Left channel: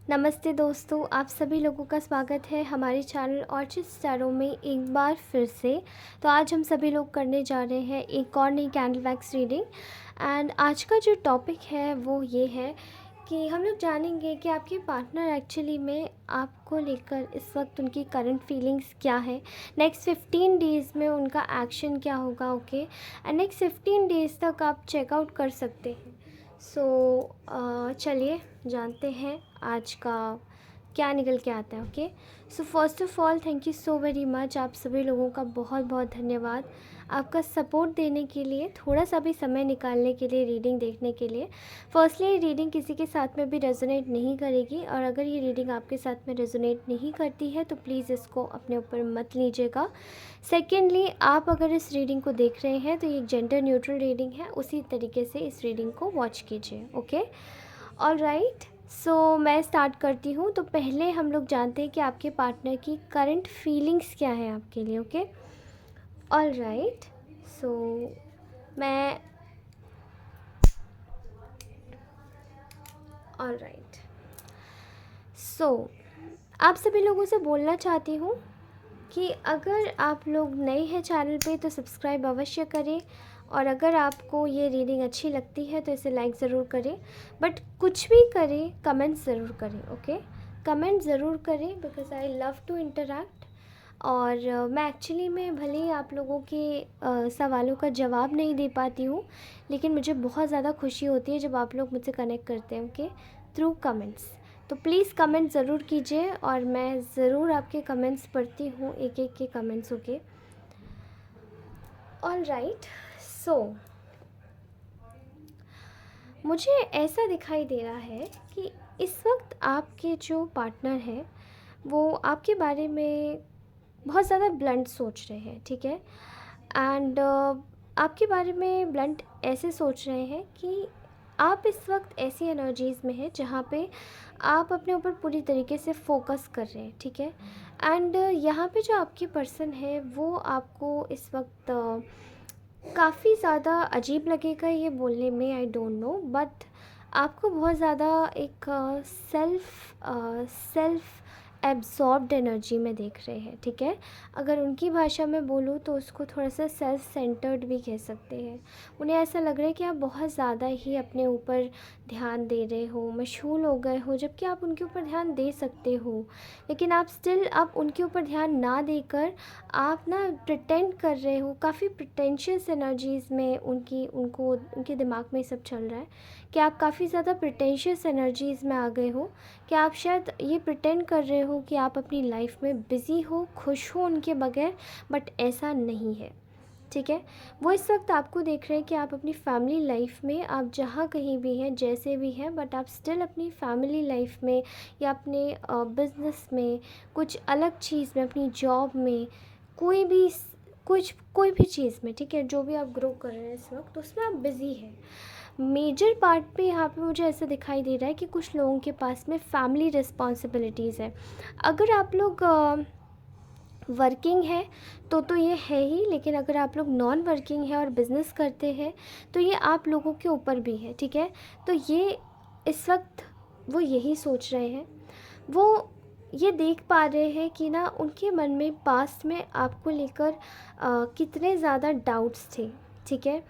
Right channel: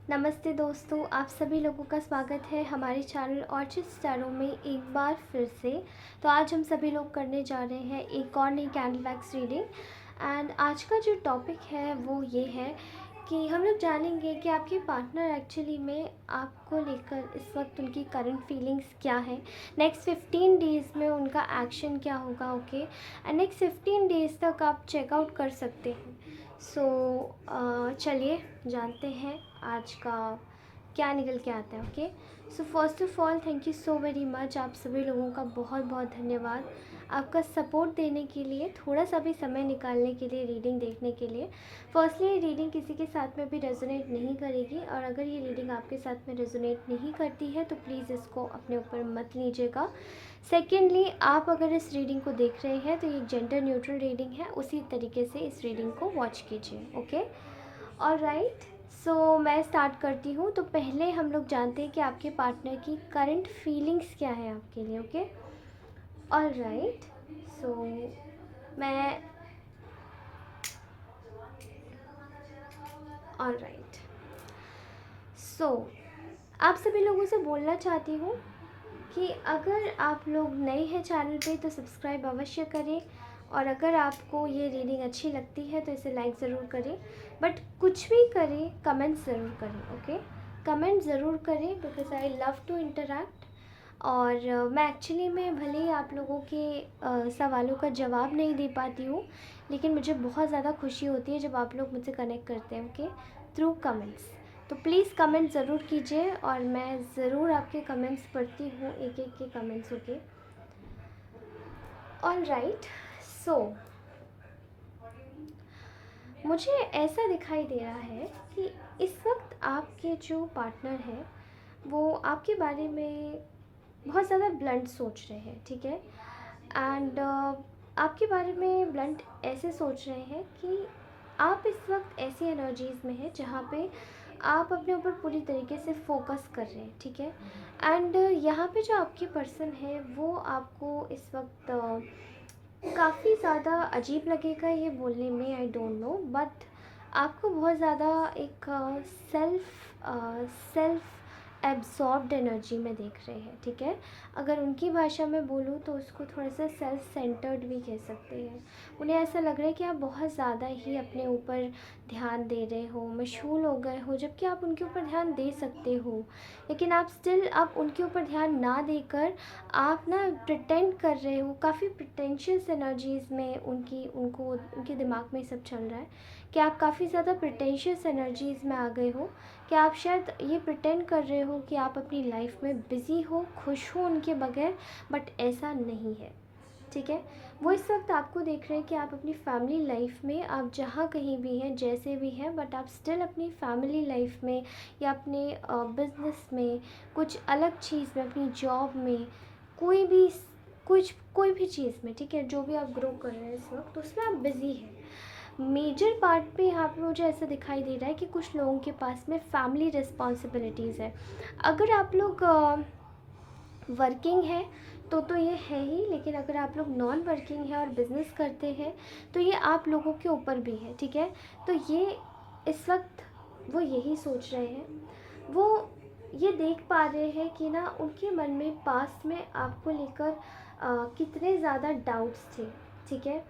नमस्ते दोस्तों, आप सभी लोगों का स्वागत है हमारे चैनल ऑर्चिड स्टारों में एक बार फिर से। तो आज हम सभी लोग करने जा रहे हैं एक और नई कैंडल वैक्स रीडिंग। एंड आज का जो टॉपिक है वो ये है कि हम लोग जानेंगे कि आपके पार्टनर एक्चुअली में आपको लेकर इस वक्त उनकी करंट फीलिंग्स क्या है। नेक्स्ट 15 डेज़ में उनका एक्शन क्या होगा, ओके। एंड नेक्स्ट 15 डेज़ तक आप चेकआउट कर सकते हैं। सो चलिए जानते हैं आज का क्या निकल के आता है, okay. So first of all thank you so very much, आप सभी लोगों का बहुत बहुत धन्यवाद आपका सपोर्ट देने के लिए, थोड़ा सा भी समय निकालने के लिए, रीडिंग देखने के लिए। फर्स्टली ये रीडिंग किसी के साथ में भी रेजोनेट नहीं करेगी, और अगर ये रीडिंग आपके साथ में रेजोनेट नहीं करती है तो प्लीज़ इसको अपने ऊपर मत लीजिएगा। सेकेंडली, आप अगर इस रीडिंग को देख रहे हैं तो ये एक जेंडर न्यूट्रल रीडिंग है, उसी तरीके से इस रीडिंग को वॉच कीजिए, ओके। ऑल राइट, सो मैं स्टार्ट करती हूँ। तो पहले हम लोग जानते हैं कि आपके पार्टनर की करंट फीलिंग्स क्या है आपके लिए, ओके। ऑल राइट, सो मैं ऑल राइट, सो आप सभी लोगों से बोलना चाहती हूँ कि अगर आप लोग नए हैं चैनल पे तो सब्सक्राइब अवश्य करें, और अगर आपको ये रीडिंग अच्छी लगती है तो इसे लाइक ज़रूर करें। बट कुछ भी करें, कमेंट ज़रूर करें, ओके। कमेंट ज़रूर करें because I love to interact. और मैं एक्चुअली में भले ही आप लोगों के सवालों का जवाब नहीं दे पाती हूँ, लेकिन मुझे बहुत ज़्यादा खुशी होती है जब आप लोग मुझसे कनेक्ट करते हैं, ओके, थ्रू कमेंट्स। तो प्लीज़ कमेंट ज़रूर कीजिए, और मैं ज़रूर आपके कमेंट्स पढ़ती हूँ, एक एक के कमेंट्स, ओके। ऑल राइट, सो मुझे ऐसा दिखाई दे रहा है कि इस वक्त आपके जो पार्टनर हैं वो आपके बारे में बहुत ज़्यादा ब्लंट सोच रहे हैं, ठीक है। एंड आपके बारे में ब्लंट ऐसे सोच रहे हैं कि आप इस वक्त ऐसी एनर्जीज़ में हैं जहाँ पे आप अपने ऊपर पूरी तरीके से फोकस कर रहे हैं, ठीक है। एंड यहाँ पे जो आपके पर्सन है वो आपको इस वक्त काफ़ी ज़्यादा अजीब लगेगा ये बोलने में, आई डोंट नो, बट आपको बहुत ज़्यादा एक सेल्फ एब्जॉर्ब्ड एनर्जी में देख रहे हैं, ठीक है। अगर उनकी भाषा में बोलूँ तो उसको थोड़ा सा सेल्फ सेंटर्ड भी कह सकते हैं। उन्हें ऐसा लग रहा है कि आप बहुत ज़्यादा ही अपने ऊपर ध्यान दे रहे हो, मशगूल हो गए हो, जबकि आप उनके ऊपर ध्यान दे सकते हो, लेकिन आप उनके ऊपर ध्यान ना देकर आप ना प्रिटेंड कर रहे हो। काफ़ी प्रिटेंशियस एनर्जीज़ में उनके दिमाग में सब चल रहा है कि आप काफ़ी ज़्यादा प्रिटेंशियस एनर्जीज़ में आ गए हो, कि आप शायद ये प्रिटेंड कर रहे हो कि आप अपनी लाइफ में बिज़ी हो, खुश हो उनके बगैर, बट ऐसा नहीं है, ठीक है। वो इस वक्त आपको देख रहे हैं कि आप अपनी फैमिली लाइफ में, आप जहाँ कहीं भी हैं, जैसे भी हैं, बट आप स्टिल अपनी फैमिली लाइफ में या अपने बिजनेस में, कुछ अलग चीज़ में, अपनी जॉब में, कोई भी कोई भी चीज़ में, ठीक है, जो भी आप ग्रो कर रहे हैं इस वक्त उसमें आप बिज़ी हैं। मेजर पार्ट पे यहाँ पे मुझे ऐसा दिखाई दे रहा है कि कुछ लोगों के पास में फैमिली रिस्पॉन्सिबिलिटीज़ है। अगर आप लोग वर्किंग है तो ये है ही, लेकिन अगर आप लोग नॉन वर्किंग है और बिज़नेस करते हैं तो ये आप लोगों के ऊपर भी है, ठीक है। तो ये इस वक्त वो यही सोच रहे हैं, वो ये देख पा रहे हैं कि ना उनके मन में पास्ट में आपको लेकर कितने ज़्यादा डाउट्स थे, ठीक है।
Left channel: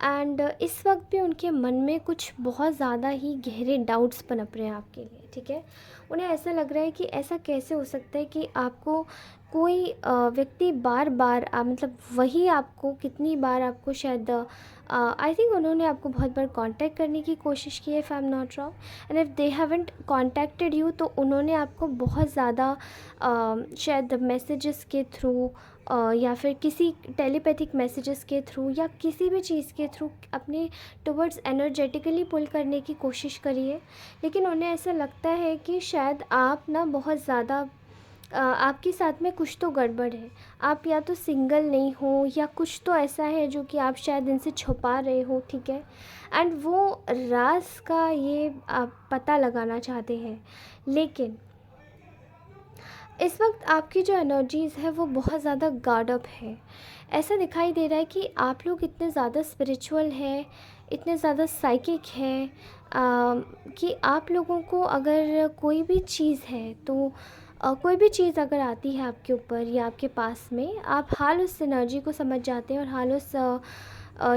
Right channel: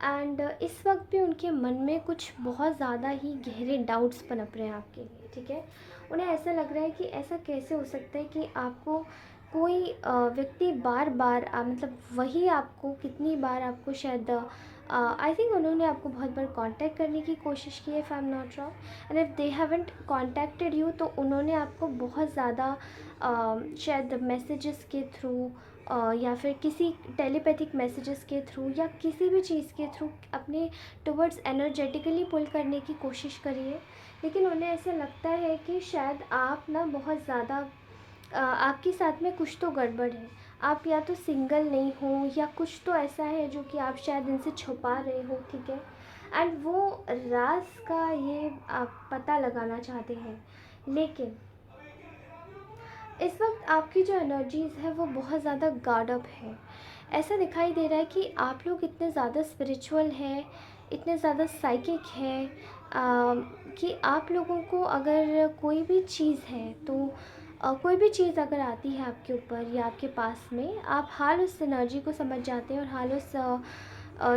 एंड इस वक्त भी उनके मन में कुछ बहुत ज़्यादा ही गहरे डाउट्स पनप रहे हैं आपके लिए, ठीक है। उन्हें ऐसा लग रहा है कि ऐसा कैसे हो सकता है कि आपको कोई व्यक्ति बार बार मतलब वही आपको कितनी बार आपको शायद आई थिंक उन्होंने आपको बहुत बार कांटेक्ट करने की कोशिश की है, if I am not wrong. And if they haven't contacted you तो उन्होंने आपको बहुत ज़्यादा शायद मैसेजेस के थ्रू या फिर किसी टेलीपैथिक मैसेजेस के थ्रू या किसी भी चीज़ के थ्रू अपने टुवर्ड्स एनर्जेटिकली पुल करने की कोशिश करी है। लेकिन उन्हें ऐसा लगता है कि शायद आप ना बहुत ज़्यादा आपके साथ में कुछ तो गड़बड़ है। आप या तो सिंगल नहीं हो या कुछ तो ऐसा है जो कि आप शायद इनसे छुपा रहे हो, ठीक है। एंड वो राज का ये आप पता लगाना चाहते हैं, लेकिन इस वक्त आपकी जो एनर्जीज़ है वो बहुत ज़्यादा गार्ड अप है। ऐसा दिखाई दे रहा है कि आप लोग इतने ज़्यादा स्पिरिचुअल हैं, इतने ज़्यादा साइकिक हैं, कि आप लोगों को अगर कोई भी चीज़ है तो कोई भी चीज़ अगर आती है आपके ऊपर या आपके पास में, आप हाल उस एनर्जी को समझ जाते हैं और हाल उस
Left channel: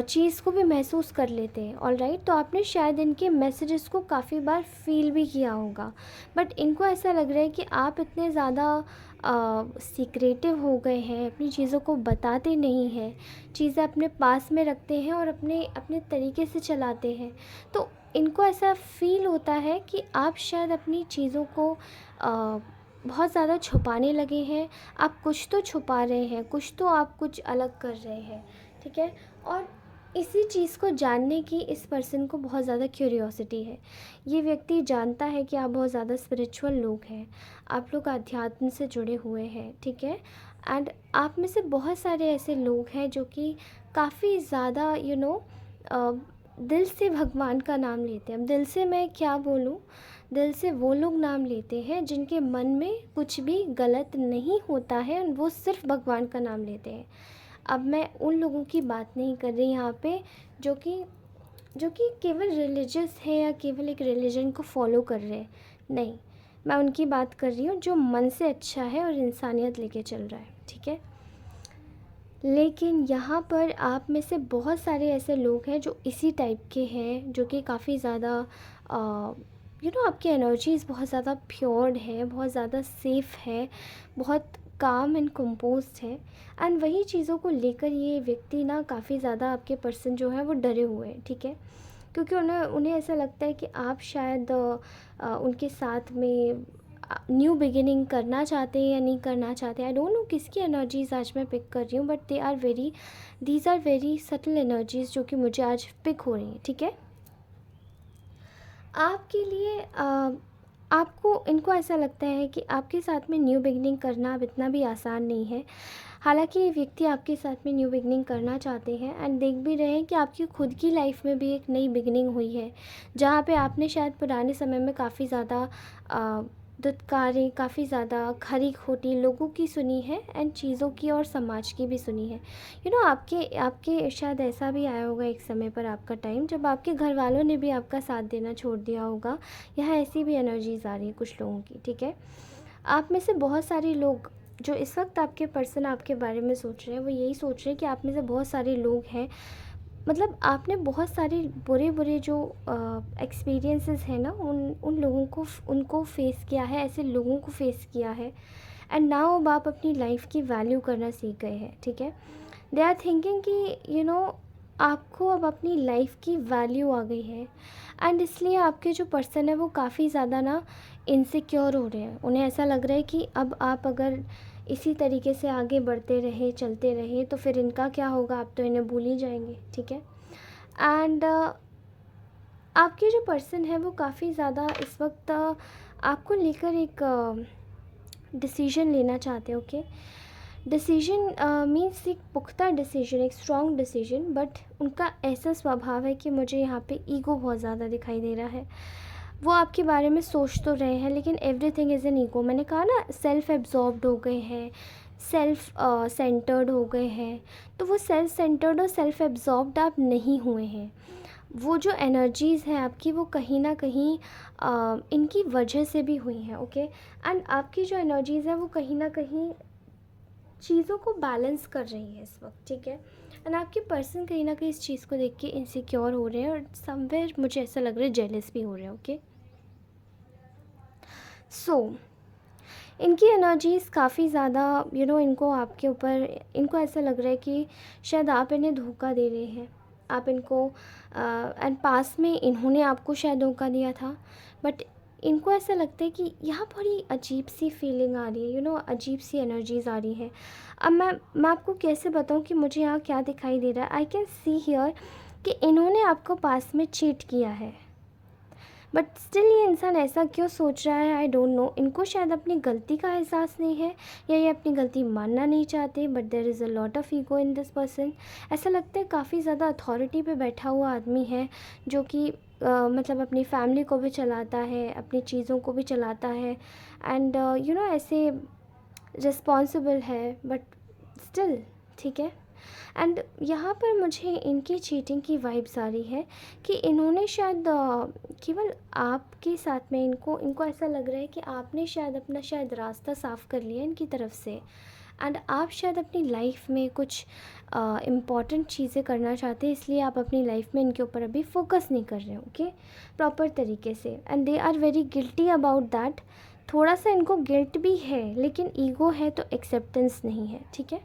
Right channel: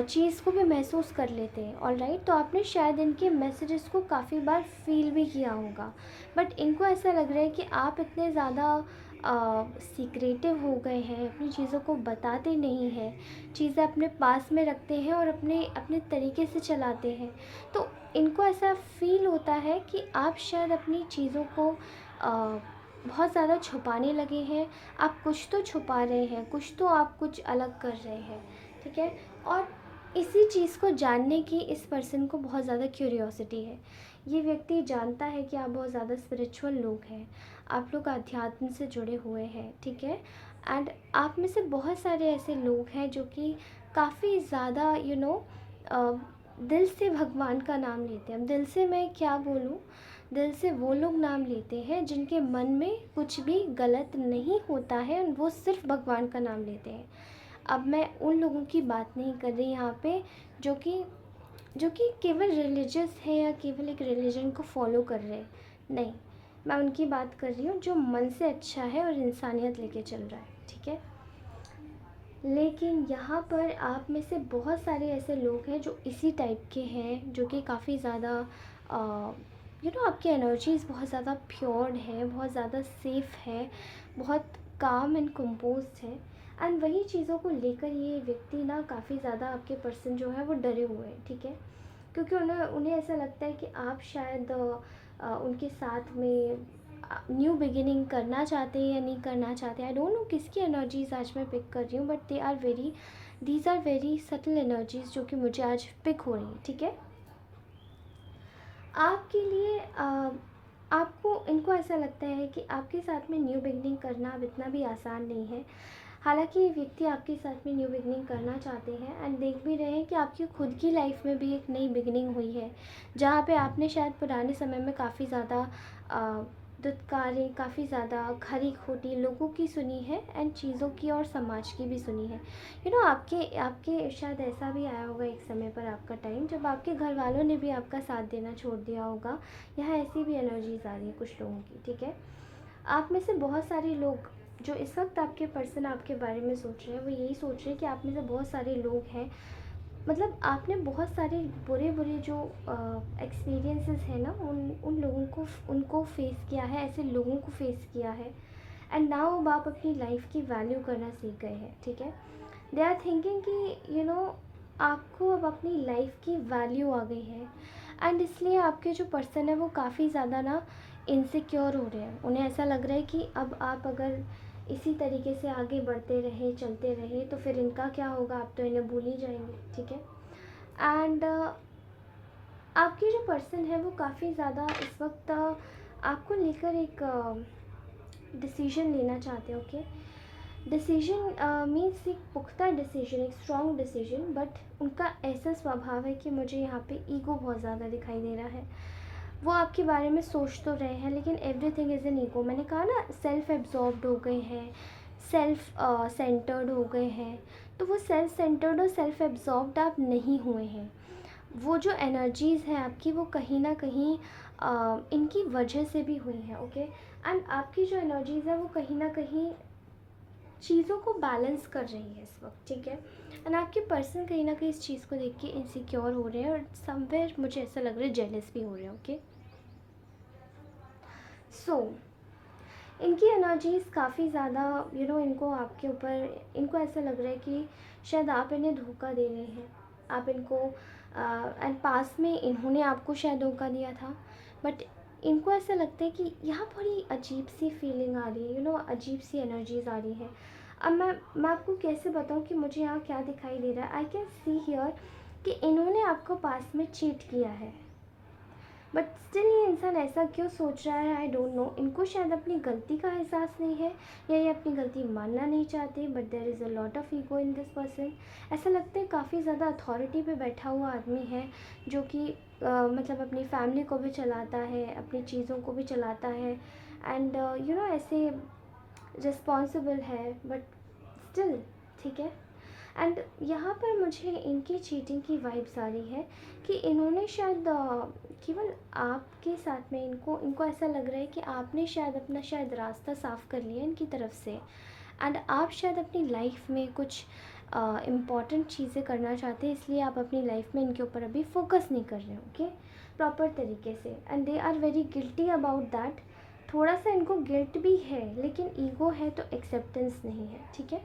चीज़ को भी महसूस कर लेते हैं। ऑलराइट, तो आपने शायद इनके मैसेजेस को काफ़ी बार फील भी किया होगा, बट इनको ऐसा लग रहा है कि आप इतने ज़्यादा सीक्रेटिव हो गए हैं, अपनी चीज़ों को बताते नहीं हैं, चीज़ें अपने पास में रखते हैं और अपने अपने तरीके से चलाते हैं। तो इनको ऐसा फ़ील होता है कि आप शायद अपनी चीज़ों को बहुत ज़्यादा छुपाने लगे हैं। आप कुछ तो छुपा रहे हैं, कुछ तो आप कुछ अलग कर रहे हैं, ठीक है? और इसी चीज़ को जानने की इस पर्सन को बहुत ज़्यादा क्यूरियोसिटी है। ये व्यक्ति जानता है कि आप बहुत ज़्यादा स्पिरिचुअल लोग हैं, आप लोग अध्यात्म से जुड़े हुए हैं, ठीक है? एंड आप में से बहुत सारे ऐसे लोग हैं जो कि काफ़ी ज़्यादा दिल से भगवान का नाम लेते हैं। अब दिल से मैं क्या बोलूँ, दिल से वो लोग नाम लेते हैं जिनके मन में कुछ भी गलत नहीं होता है, वो सिर्फ भगवान का नाम लेते हैं। अब मैं उन लोगों की बात नहीं कर रही यहाँ पे जो कि केवल रिलीजियस है या केवल एक रिलीजन को फॉलो कर रहे हैं, नहीं। मैं उनकी बात कर रही हूँ जो मन से अच्छा है और इंसानियत लेके चल रहा है, ठीक है? लेकिन यहाँ पर आप में से बहुत सारे ऐसे लोग हैं जो इसी टाइप के हैं, जो कि काफ़ी ज़्यादा आपकी एनर्जीज़ बहुत ज़्यादा प्योर्ड है, बहुत ज़्यादा सेफ़ है, बहुत काम एंड कंपोज्ड है। एंड वही चीज़ों को लेकर ये व्यक्ति ना काफ़ी ज़्यादा, आपके पर्सन जो है वो डरे हुए हैं, ठीक है? क्योंकि उन्हें उन्हें ऐसा लगता है कि आप शायद उनके साथ में न्यू बिगिनिंग करना चाहते हैं या नहीं करना चाहते। आई डोंट नो किसकी एनर्जीज आज मैं पिक कर रही हूँ, but these are very subtle energies जो कि मुझे आज पिक हो रही हैं, ठीक है? आपके लिए आपको इनको ऐसा लगता है कि आपके साथ में न्यू बिगिनिंग करना अब इतना भी आसान नहीं है। हालांकि ये व्यक्ति आपके साथ में न्यू बिगिनिंग करना चाहते हैं एंड देख भी रहे हैं कि आपकी खुद की लाइफ में भी एक नई बिगिनिंग हुई है, जहाँ पे आपने शायद पुराने समय में काफ़ी ज़्यादा दुत्कारें, काफ़ी ज़्यादा खरी खोटी लोगों की सुनी है एंड चीज़ों की और समाज की भी सुनी है। आपके आपके शायद ऐसा भी आया होगा एक समय पर आपका टाइम जब आपके घर वालों ने भी आपका साथ देना छोड़ दिया होगा। यहाँ ऐसी भी एनर्जीज आ रही है कुछ लोगों की, ठीक है? आप में से बहुत सारे लोग जो इस वक्त आपके पर्सन आपके बारे में सोच रहे हैं, वो यही सोच रहे हैं कि आप में से बहुत सारे लोग हैं, मतलब आपने बहुत सारे बुरे बुरे जो एक्सपीरियंसेस हैं ना, उन लोगों को उनको फेस किया है, ऐसे लोगों को फेस किया है। एंड नाउ अब आप अपनी लाइफ की वैल्यू करना सीख गए हैं, ठीक है? दे आर थिंकिंग कि आपको अब अपनी लाइफ की वैल्यू आ गई है। एंड इसलिए आपके जो पर्सन है वो काफ़ी ज़्यादा ना इनसिक्योर हो रहे हैं। उन्हें ऐसा लग रहा है कि अब आप अगर इसी तरीके से आगे बढ़ते रहे, चलते रहे, तो फिर इनका क्या होगा, आप तो इन्हें भूल ही जाएंगे, ठीक है? एंड आपके जो पर्सन है वो काफ़ी ज़्यादा इस वक्त आपको लेकर एक डिसीजन लेना चाहते हैं, ओके? डिसीजन मीन्स एक पुख्ता डिसीजन, एक स्ट्रॉन्ग डिसीजन, बट उनका ऐसा स्वभाव है कि मुझे यहाँ पे ईगो बहुत ज़्यादा दिखाई दे रहा है। वो आपके बारे में सोच तो रहे हैं लेकिन एवरीथिंग इज़ एन ईगो। मैंने कहा ना, सेल्फ एब्जॉर्ब्ड हो गए हैं, सेल्फ सेंटर्ड हो गए हैं। तो वो सेल्फ सेंटर्ड और सेल्फ एब्जॉर्ब्ड आप नहीं हुए हैं। वो जो एनर्जीज़ हैं आपकी, वो कहीं ना कहीं इनकी वजह से भी हुई हैं, ओके? एंड आपकी जो एनर्जीज़ है वो कहीं ना कहीं चीज़ों को बैलेंस कर रही है इस वक्त, ठीक है? एंड आपके पर्सन कहीं ना कहीं इस चीज़ को देख के इनसिक्योर हो रहे हैं और समवेयर मुझे ऐसा लग रहा है जेलस भी हो रहे हैं, ओके? सो इनकी एनर्जीज़ काफ़ी ज़्यादा इनको आपके ऊपर, इनको ऐसा लग रहा है कि शायद आप इन्हें धोखा दे रहे हैं। आप इनको एंड पास में इन्होंने आपको शायद धोखा दिया था, बट इनको ऐसा लगता है कि यहाँ बड़ी अजीब सी फीलिंग आ रही है, अजीब सी एनर्जीज़ आ रही है। अब मैं आपको कैसे बताऊँ कि मुझे यहाँ क्या दिखाई दे रहा है। आई कैन सी हियर कि इन्होंने आपको पास में चीट किया है, बट स्टिल ये इंसान ऐसा क्यों सोच रहा है, आई डोंट नो। इनको शायद अपनी गलती का एहसास नहीं है या ये अपनी गलती मानना नहीं चाहते, but there is a lot of ego in this person. ऐसा लगता है काफ़ी ज़्यादा अथॉरिटी पे बैठा हुआ आदमी है जो कि मतलब अपनी फैमिली को भी चलाता है, अपनी चीज़ों को भी चलाता है, एंड ऐसे रिस्पॉन्सिबल है, बट स्टिल, ठीक है? एंड यहाँ पर मुझे इनकी चीटिंग की वाइब्स आ रही है कि इन्होंने शायद केवल आपके साथ में इनको इनको ऐसा लग रहा है कि आपने शायद अपना शायद रास्ता साफ़ कर लिया इनकी तरफ से, एंड आप शायद अपनी लाइफ में कुछ इम्पॉर्टेंट चीज़ें करना चाहते हैं, इसलिए आप अपनी लाइफ में इनके ऊपर अभी फोकस नहीं कर रहे हो, ओके, प्रॉपर तरीके से, and they are very guilty about that. थोड़ा सा इनको गिल्ट भी है, लेकिन ईगो है तो एक्सेप्टेंस नहीं है, ठीक है।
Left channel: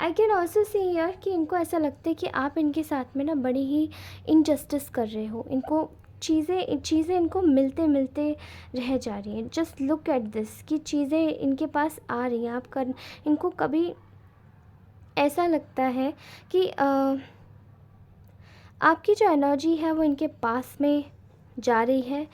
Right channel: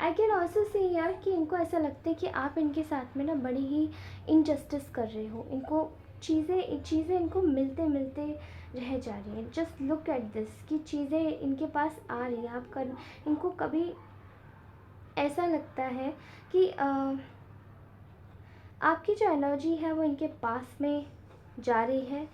आई कैन ऑल्सो सी यार कि इनको ऐसा लगता है कि आप इनके साथ में ना बड़ी ही इनजस्टिस कर रहे हो, इनको चीज़ें इनको मिलते मिलते रह जा रही हैं। जस्ट लुक एट दिस कि चीज़ें इनके पास आ रही हैं, आप कर इनको कभी ऐसा लगता है कि आपकी जो एनर्जी है वो इनके पास में जा रही है,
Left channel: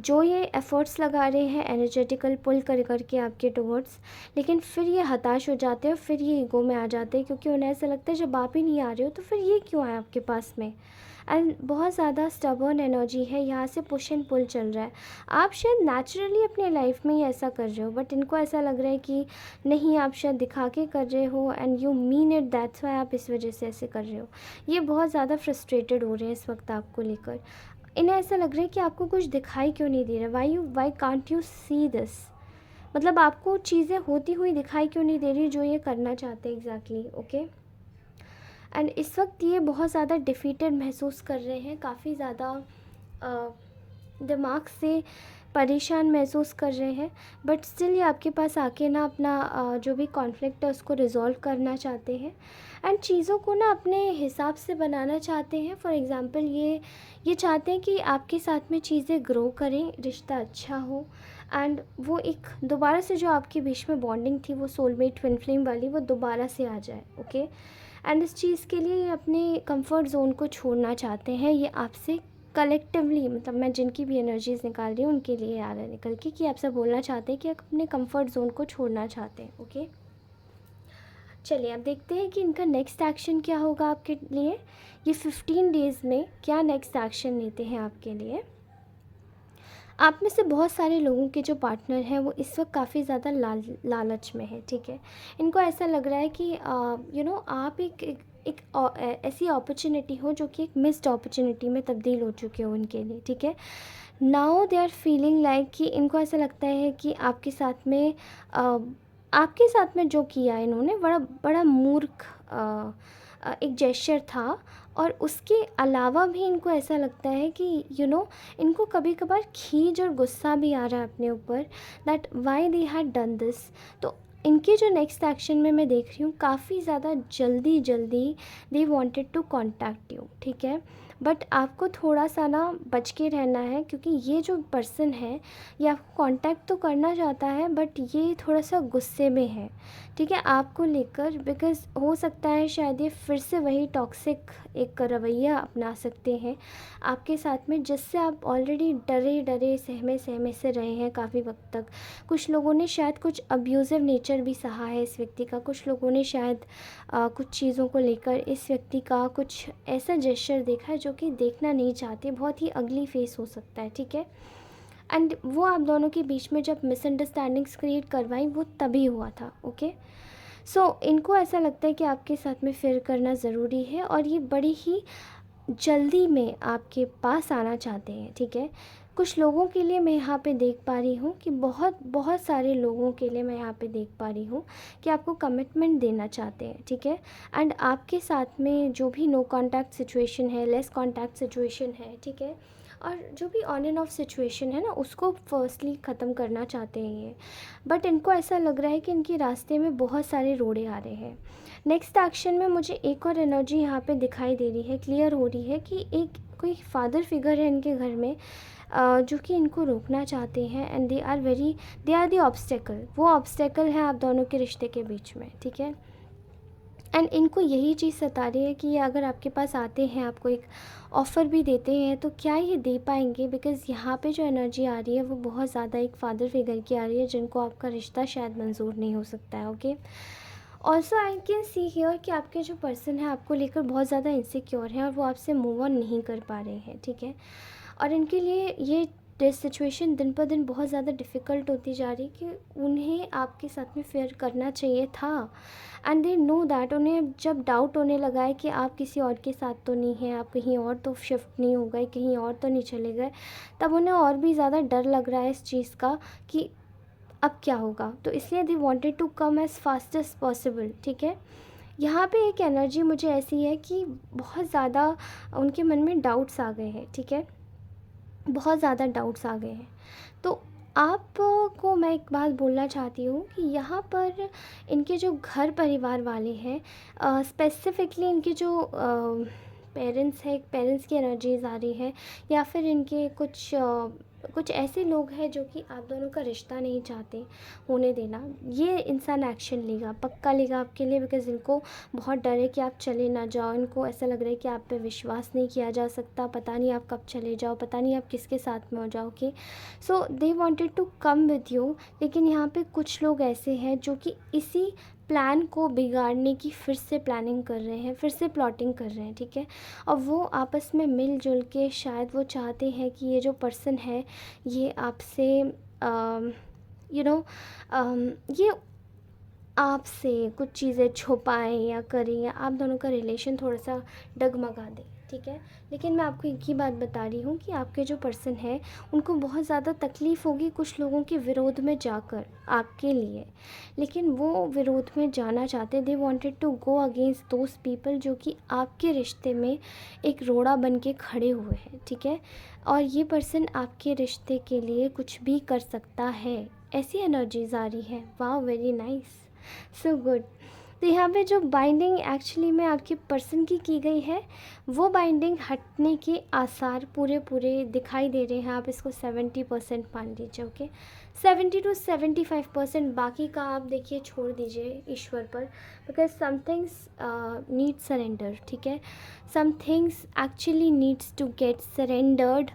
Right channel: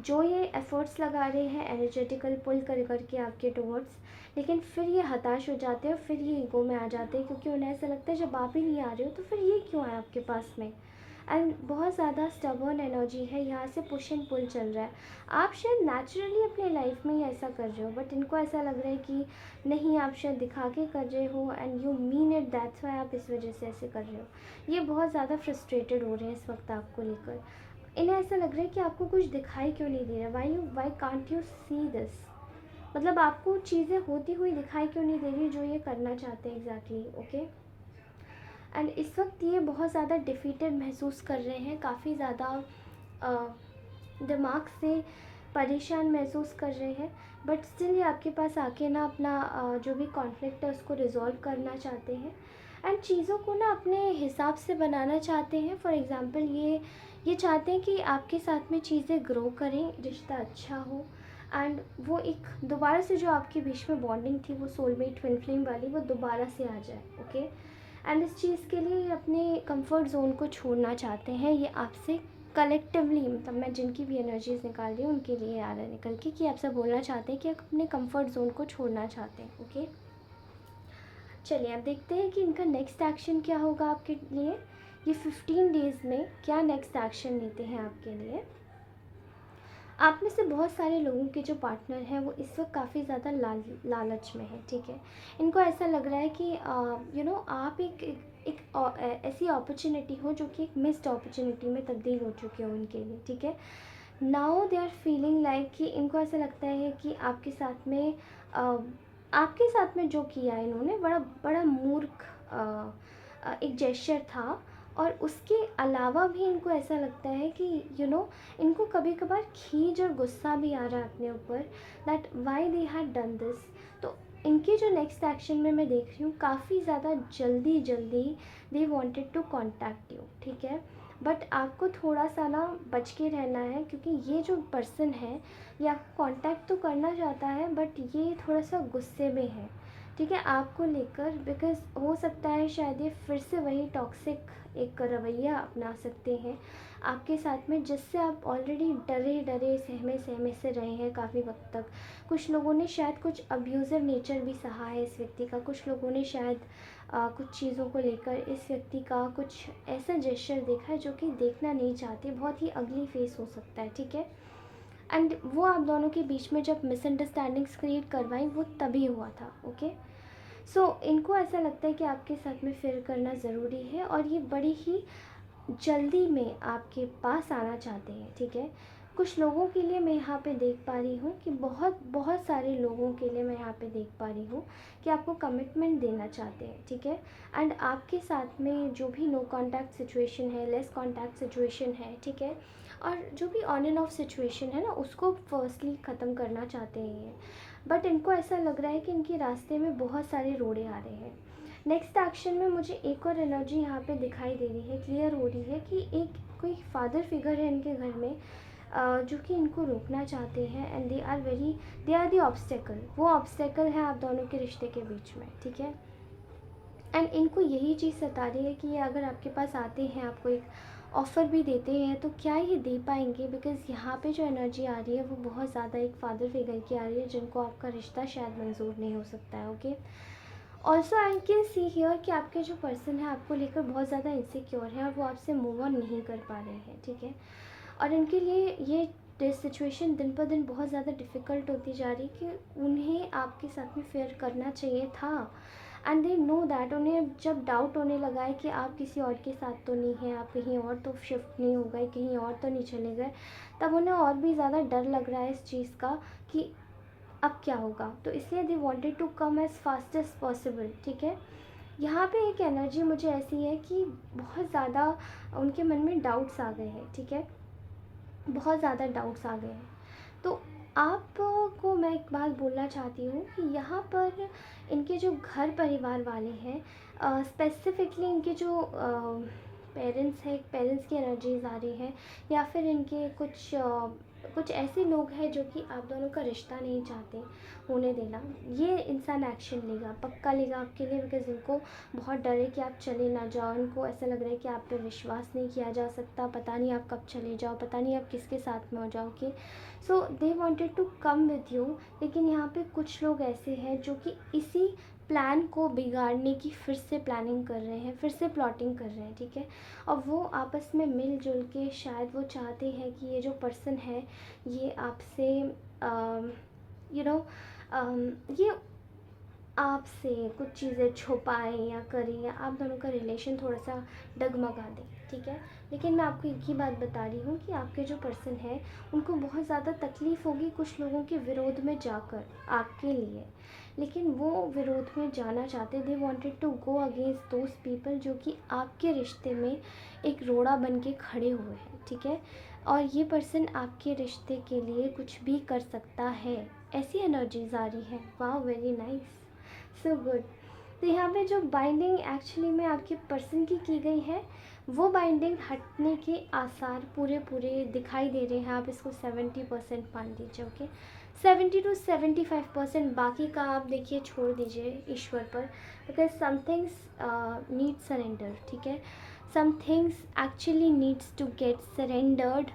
जो ये एफ़र्ट्स लगा रहे हैं एनर्जेटिकल पुल कर करके आपके टुवर्ड्स, लेकिन फिर ये हताश हो जाते हैं और फिर ये ईगो में आ जाते हैं, क्योंकि उन्हें ऐसा लगता है जब आप ही नहीं आ रहे हो तो फिर ये क्यों आए आपके पास में। एंड बहुत ज़्यादा स्टबर्न एनर्जी है, यहाँ से पुश एंड पुल चल रहा है। आप शायद नेचुरली अपने लाइफ में ही ऐसा कर रहे हो, बट इनको ऐसा लग रहा है कि नहीं, आप शायद दिखा के कर रहे हो and you mean it, that's why आप इस वजह से ऐसे कर रहे हो। ये बहुत ज़्यादा फ्रस्ट्रेटेड हो रहे हैं इस वक्त आपको लेकर। इन्हें ऐसा लग रहा है कि आपको कुछ दिखाई क्यों नहीं दे रहा, why can't you see this, मतलब आपको चीज़ें होती हुई दिखाई क्यों नहीं दे रही जो ये करना चाहते हैं एग्जैक्टली, ओके। एंड इस वक्त ये बहुत ज़्यादा डिफीटेड महसूस कर रहे हैं, काफ़ी ज़्यादा दिमाग से परेशान महसूस कर रहे हैं, बट स्टिल ये आपके पास आके ना अपना जो भी कॉन्फ्लिक्ट है उसको रिजॉल्व करना चाहते हैं, एंड चीज़ों को ना अपने हिसाब से बनाना चाहते हैं। फॉर एग्ज़ाम्पल ये चाहते हैं कि आपके साथ में चीज़ें ग्रो करें, रिश्ता अच्छा हो, एंड वो एक दोबारा से जो आपके बीच में बॉन्डिंग थी, वो सोलमेट ट्विन फ्लेम वाली, वो दोबारा से आ जाए, ओके। एंड इस चीज़ के लिए ये अपने कंफर्ट जोन को छोड़ना चाहते हैं। ये आपसे कलेक्टिवली, मतलब मैं जिनकी भी एनर्जीज निकाल रही हूँ उनके लिए आ रहा है निकल के, कि आपसे बोलना चाहते हैं कि आप अपने कंफर्ट जोन को छोड़ना चाहते हैं, ओके। चलिए अब देखते हैं कि इनका नेक्स्ट एक्शन क्या होगा आपके लिए। ये 15 डेज़ में क्या नेक्स्ट एक्शन लेते हैं आपके लिए। आप में से बहुत सारे लोगों के जो पार्टनर हैं वो इस वक्त काफ़ी ज़्यादा लालच में है, ठीक है। इनको ऐसा लग रहा है कि आप ऐसी अपॉर्चुनिटी हो जो कि एक मिस्ड अपॉर्चुनिटी में तब्दील हो चुके हो उनके लिए, ठीक है। Now they are feeling like कि इनको ऐसा लगता है कि आपके साथ में जो किया इन्होंने बड़ा बड़ा मूर्ख एक जेस्चर था, और उसके अलावा भी इनको ऐसा लगता है कि इनको कभी कभार खीज और गुस्सा भी आ रहा है अपने ऊपर, that why they had done this. तो इनके जो नेक्स्ट एक्शन में मैं देख रही हूँ काफ़ी ज़्यादा जल्दी जल्दी they wanted to contact you, ठीक है। बट आपको थोड़ा सा ना बच के रहना है, क्योंकि ये जो पर्सन है ये आपको कांटेक्ट तो करना चाहता है, बट ये थोड़ा सा गुस्से में है, ठीक है, आपको लेकर। बिकॉज़ हो सकता है शायद ये फिर से वही टॉक्सिक एक रवैया अपना सकते हैं आपके साथ में, जिससे आप ऑलरेडी डरे डरे सहमे सहमे से रहे हैं काफ़ी वक्त तक। कुछ लोगों ने शायद कुछ अब्यूज़िव नेचर भी सहा है इस व्यक्ति का, कुछ लोगों ने शायद कुछ चीज़ों को लेकर इस व्यक्ति का कुछ ऐसा जेस्चर देखा है जो कि देखना नहीं चाहते, बहुत ही अगली फेस हो सकता है, ठीक है। एंड वो आप दोनों के बीच में जब मिसअंडरस्टैंडिंग्स क्रिएट करवाई वो तभी हुआ था, ओके। सो इनको ऐसा लगता है कि आपके साथ में फिर करना ज़रूरी है, और ये बड़ी ही जल्दी में आपके पास आना चाहते हैं, ठीक है। कुछ लोगों के लिए मैं यहाँ पे देख पा रही हूँ कि बहुत बहुत सारे लोगों के लिए मैं यहाँ पे देख पा रही हूँ कि आपको कमिटमेंट देना चाहते हैं, ठीक है। एंड आपके साथ में जो भी नो कांटेक्ट सिचुएशन है, लेस कांटेक्ट सिचुएशन है, ठीक है, और जो भी ऑन एंड ऑफ सिचुएशन है ना, उसको फर्स्टली ख़त्म करना चाहते हैं ये। बट इनको ऐसा लग रहा है कि इनके रास्ते में बहुत सारे रोड़े आ रहे हैं। नेक्स्ट एक्शन में मुझे एक और एनर्जी यहाँ पे दिखाई दे रही है, क्लियर हो रही है कि एक कोई फादर फिगर है इनके घर में, जो कि इनको रोकना चाहते हैं, and they are the obstacle, वो ऑब्स्टेकल है आप दोनों के रिश्ते के बीच में, ठीक है। एंड इनको यही चीज़ सता रही है कि ये अगर आपके पास आते हैं, आपको एक ऑफ़र भी देते हैं, तो क्या ये दे पाएंगे। बिकॉज़ यहाँ पे जो एनर्जी आ रही है वो बहुत ज़्यादा एक फादर फिगर की आ रही है, जिनको आपका रिश्ता शायद मंजूर नहीं हो सकता है, okay. Also I can see here कि आपके जो पर्सन है आपको लेकर बहुत ज़्यादा इनसिक्योर है, और वो आपसे मूव ऑन नहीं कर पा रहे हैं, ठीक है। और इनके लिए ये सिचुएशन दिन पर दिन बहुत ज़्यादा डिफ़िकल्ट होती जा रही कि उन्हें आपके साथ में फेयर करना चाहिए था, एंड दे नो दैट। उन्हें जब डाउट होने लगा है कि आप किसी और के साथ तो नहीं हैं, आप कहीं और तो शिफ्ट नहीं हो गए, कहीं और तो नहीं चले गए, तब उन्हें और भी ज़्यादा डर लग रहा है इस चीज़ का कि अब क्या होगा। तो इसलिए they wanted to come as fast as possible, ठीक है। यहाँ पे एक एनर्जी मुझे ऐसी है कि बहुत ज़्यादा उनके मन में डाउट्स आ गए हैं, ठीक है, बहुत ज़्यादा डाउट्स आ गए हैं। तो आपको मैं एक बात बोलना चाहती हूँ कि यहाँ पर इनके जो घर परिवार वाले हैं, स्पेसिफिकली इनके जो पेरेंट्स हैं, पेरेंट्स की एनर्जीज आ रही है, या फिर इनके कुछ ऐसे लोग हैं जो कि आप दोनों का रिश्ता नहीं चाहते होने देना। ये इंसान एक्शन लेगा, पक्का लेगा आपके लिए, बिकॉज़ इनको बहुत डर है कि आप चले ना जाओ। इनको ऐसा लग रहा है कि आप पे विश्वास नहीं किया जा सकता, पता नहीं आप कब चले जाओ, पता नहीं आप किसके साथ में हो जाओगे। So they wanted to come with you, लेकिन यहाँ पे कुछ लोग ऐसे हैं जो कि इसी प्लान को बिगाड़ने की फिर से प्लानिंग कर रहे हैं, फिर से प्लॉटिंग कर रहे हैं, ठीक है। और वो आपस में मिलजुल के शायद वो चाहते हैं कि ये जो पर्सन है ये आपसे यू नो ये आपसे कुछ चीज़ें छुपाएं या करें, या आप दोनों का रिलेशन थोड़ा सा डगमगा दें, ठीक है। लेकिन मैं आपको एक ही बात बता रही हूँ कि आपके जो पर्सन है उनको बहुत ज़्यादा तकलीफ़ होगी कुछ लोगों के विरोध में जाकर आपके लिए, लेकिन वो विरोध में जाना चाहते हैं। They wanted to go against those people जो कि आपके रिश्ते में एक रोड़ा बन के खड़े हुए हैं, ठीक है। और ये पर्सन आपके रिश्ते के लिए कुछ भी कर सकता है, ऐसी एनर्जीज आ रही है। वाह, वेरी नाइस, सो गुड। तो यहाँ पे जो बाइंडिंग एक्चुअली में आपके पर्सन की गई है, वो बाइंडिंग हटने के आसार पूरे पूरे दिखाई दे रहे हैं। आप इसको 70% मान लीजिए, ओके, 70 to 75%। बाकी का आप देखिए छोड़ दीजिए ईश्वर पर, because some things need surrender, ठीक है। Some things actually needs to get surrendered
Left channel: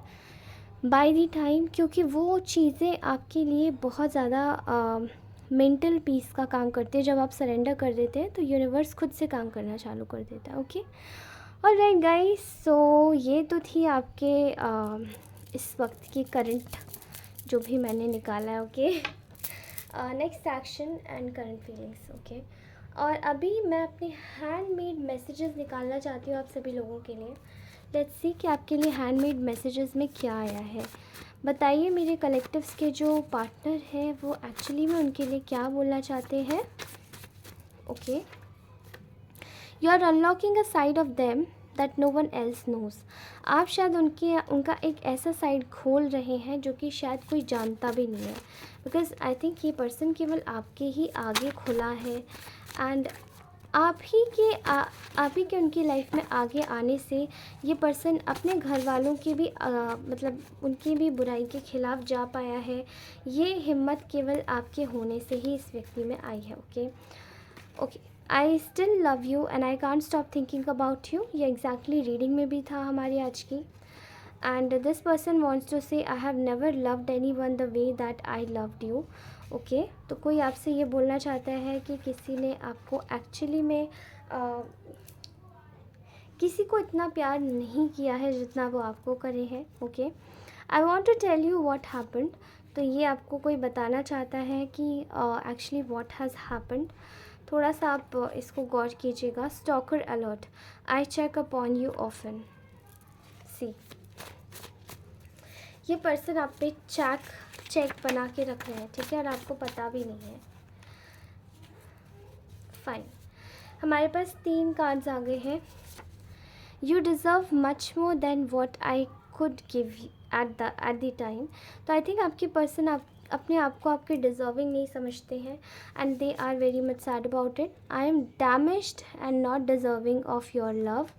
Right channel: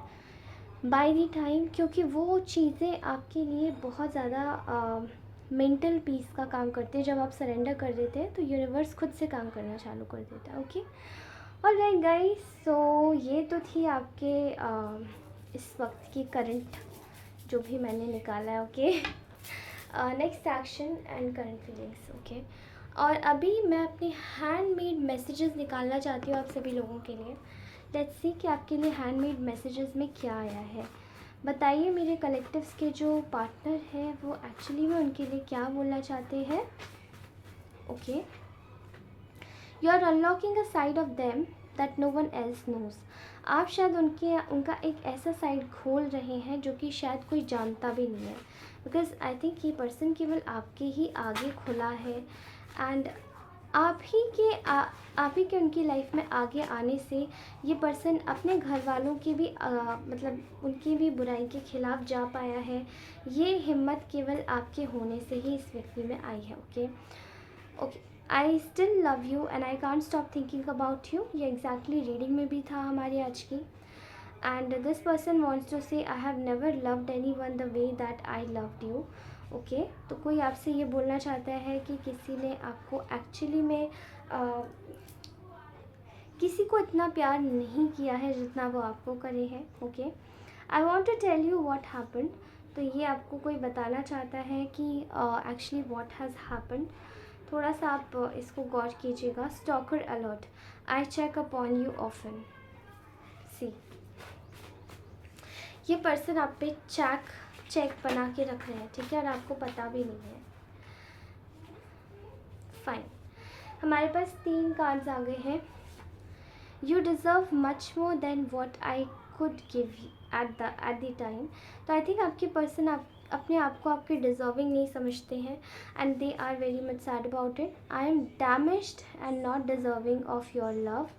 by the time, क्योंकि वो चीज़ें आपके लिए बहुत ज़्यादा मेंटल पीस का काम करते हैं। जब आप सरेंडर कर देते हैं तो यूनिवर्स खुद से काम करना चालू कर देता है, ओके। ऑलराइट गाइस, सो ये तो थी आपके इस वक्त की करंट जो भी मैंने निकाला है, okay. Next action and current feelings, okay. और अभी मैं अपने हैंडमेड मैसेजेस निकालना चाहती हूँ आप सभी लोगों के लिए। लेट्स सी कि आपके लिए हैंडमेड मैसेजेस में क्या आया है। बताइए मेरे कलेक्टिव्स के जो पार्टनर हैं वो एक्चुअली में उनके लिए क्या बोलना चाहते हैं, okay. You are unlocking a side of them that no one else knows. आप शायद उनका एक ऐसा साइड खोल रहे हैं जो कि शायद कोई जानता भी नहीं है, बिकॉज आई थिंक ये पर्सन केवल आपके ही आगे खुला है, एंड आप ही के उनकी लाइफ में आगे आने से ये पर्सन अपने घर वालों की भी मतलब उनकी भी बुराई के खिलाफ जा पाया है। ये हिम्मत केवल आपके होने से ही इस व्यक्ति में आई है, okay. Okay, I still love you and I can't stop thinking about you, ये एग्जैक्टली रीडिंग में भी था हमारी आज की। And this person wants to say I have never loved anyone the way that I loved you, okay. तो कोई आपसे ये बोलना चाहता है कि किसी ने आपको एक्चुअली में किसी को इतना प्यार नहीं किया है जितना वो आपको करे हैं, okay. I want to tell you what happened. तो ये आपको कोई बताना चाहता है कि एक्चुअली वॉट हैज़ हैपन्ड। थोड़ा सा आप इसको गौर कीजिएगा। Stalker alert, I check upon you often. See, ये पर्सन आप पे चेक बना के रख रहे हैं, ठीक है, और आपको पता भी नहीं है। फाइन, हमारे पास 3 कार्ड्स आ गए हैं। You deserve much more than what I could give at the time. तो आई थिंक आपके पर्सन अपने आप को आपके डिज़र्विंग नहीं समझते हैं, and they are very much sad about it. I am damaged and not deserving of your love.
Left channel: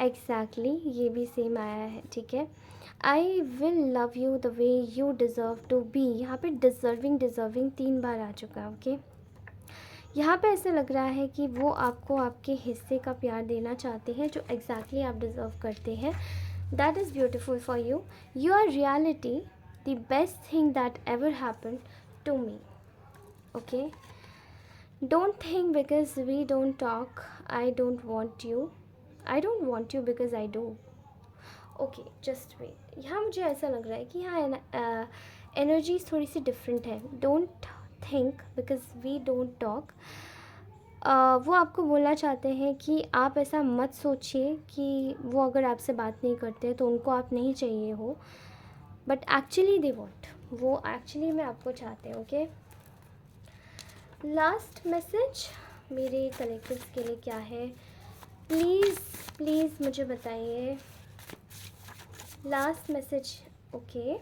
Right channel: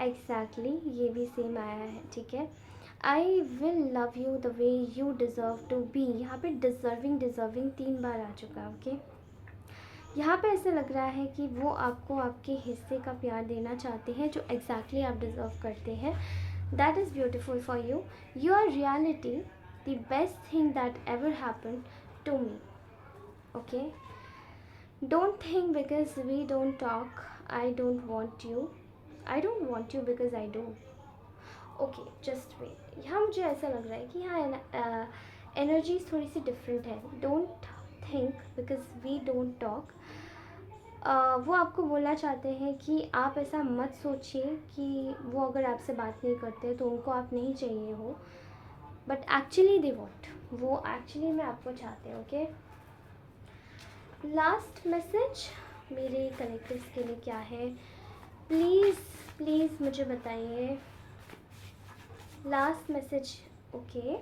Exactly, ये भी सेम आया है, ठीक है। I will love you the way you deserve to be. यहाँ पे डिज़र्विंग 3 बार आ चुका है, ओके। यहाँ पे ऐसे लग रहा है कि वो आपको आपके हिस्से का प्यार देना चाहते हैं जो एग्जैक्टली आप डिज़र्व करते हैं। That is beautiful for you. You are reality the best thing that ever happen to me, okay. Don't think because we don't talk I don't want you, I don't want you because I do, okay, just wait. यहाँ मुझे ऐसा लग रहा है कि हाँ energies थोड़ी सी डिफरेंट है। Don't think because we don't talk. वो आपको बोलना चाहते हैं कि आप ऐसा मत सोचिए कि वो अगर आपसे बात नहीं करते तो उनको आप नहीं चाहिए हो, बट एक्चुअली दे वॉन्ट, वो एक्चुअली में आपको चाहते हैं। ओके, लास्ट मैसेज मेरे कलेक्टिव्स के लिए क्या है? प्लीज़ प्लीज़ मुझे बताइए last message. Okay,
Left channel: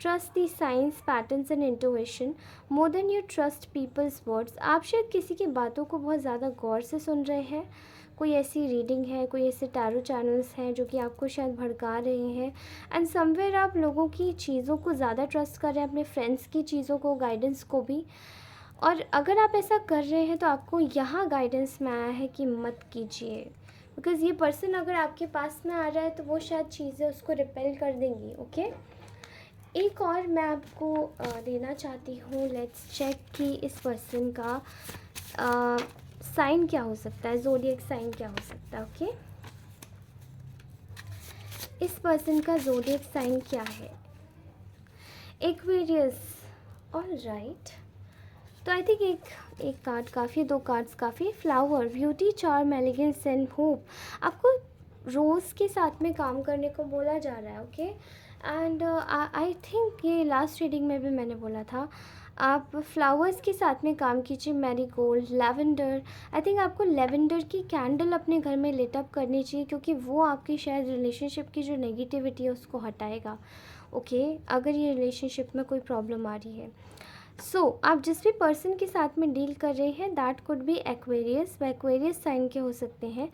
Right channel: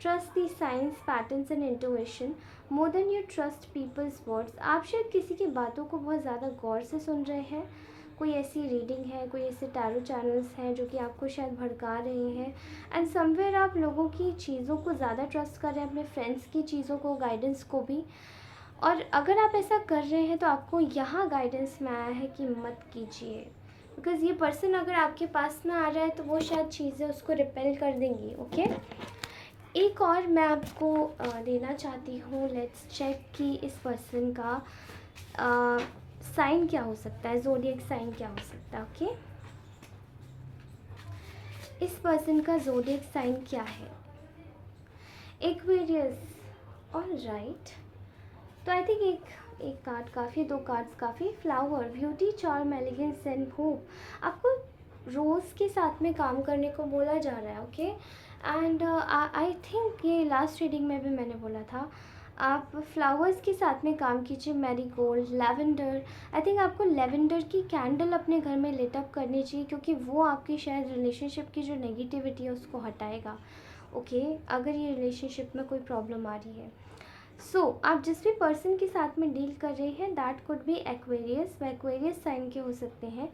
trust the signs patterns and intuition more than you trust people's words. आप शायद किसी की बातों को बहुत ज़्यादा गौर से सुन रहे हैं। कोई ऐसी रीडिंग है, कोई ऐसे टैरो चैनल्स हैं जो कि आपको शायद भड़का रहे हैं, एंड समवेयर आप लोगों की चीज़ों को ज़्यादा ट्रस्ट कर रहे हैं, अपने फ्रेंड्स की चीज़ों को, गाइडेंस को भी। और अगर आप ऐसा कर रहे हैं तो आपको यहाँ गाइडेंस में आया है कि मत कीजिए, बिकॉज़ ये पर्सन अगर आपके पास में आ रहा है तो वो शायद चीज़ें उसको रिपेल कर देंगी। ओके, एक और मैं आपको देना चाहती हूँ। लेट्स चेक कि इस पर्सन का साइन क्या हो सकता है, ज़ोडिएक साइन क्या हो सकता है। ओके, इस पर्सन का ज़ोडिएक साइन क्या है? एक्वेरियस। ऑल राइट, तो आई थिंक एक कार्ड काफ़ी, दो कार्ड्स काफ़ी। Flower, beauty, charm, elegance and hope. आपको रोज़ के साथ में काम करने को बोला जा रहा है। ओके, एंड आई थिंक ये लास्ट रीडिंग में भी मैंने बोला था, आप फ्लावर्स के साथ में काम कीजिए। Marigold, lavender. आई थिंक आपको लैवेंडर की कैंडल अपने घर में लिट अप करनी चाहिए, क्योंकि वो आपकी शायद रिलेशनशिप की जो नेगेटिविटी है उसको हटाएगा। ओके, अगर ये रिलेशनशिप में कोई प्रॉब्लम आ रही है। आप जिस भी पर्सन के साथ में डील कर रहे हैं दैट कुड बी एक्वेरियस। व एक्वेरियस साइन के हो सकते हैं।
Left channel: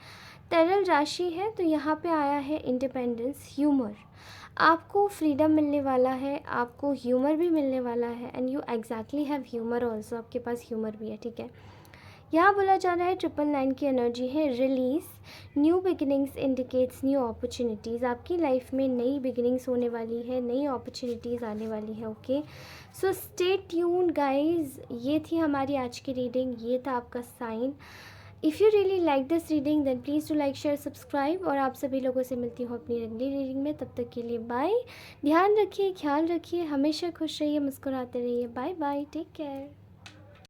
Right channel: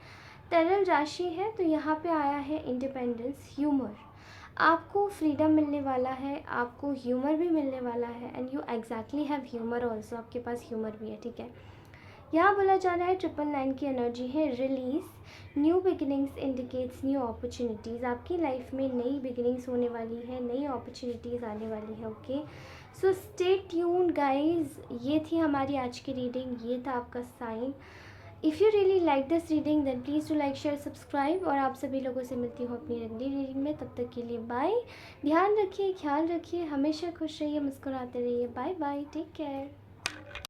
तरल राशि है तो यहाँ पे आया है इंडिपेंडेंस, ह्यूमर। आपको फ्रीडम मिलने वाला है, आपको ह्यूमर भी मिलने वाला है, and you exactly have humour also. आपके पास ह्यूमर भी है, ठीक है। यहाँ बोला जा रहा है 999 की एनर्जी है release. New beginnings indicates new opportunities. आपकी लाइफ में नई बिगिनिंग्स होने वाली है, नई अपॉर्चुनिटीज़ आने वाली है। Okay, so stay tuned guys. ये थी हमारी आज की रीडिंग, ये था आपका sign. If you really like this reading then please to like, share, subscribe. और आप सभी लोगों से मिलती हूँ अपनी अगली रीडिंग में। तब तक के लिए बाय। ध्यान रखिए, ख्याल रखिए, हमेशा खुश रहिए, मुस्कुराते रहिए। Bye bye, take care.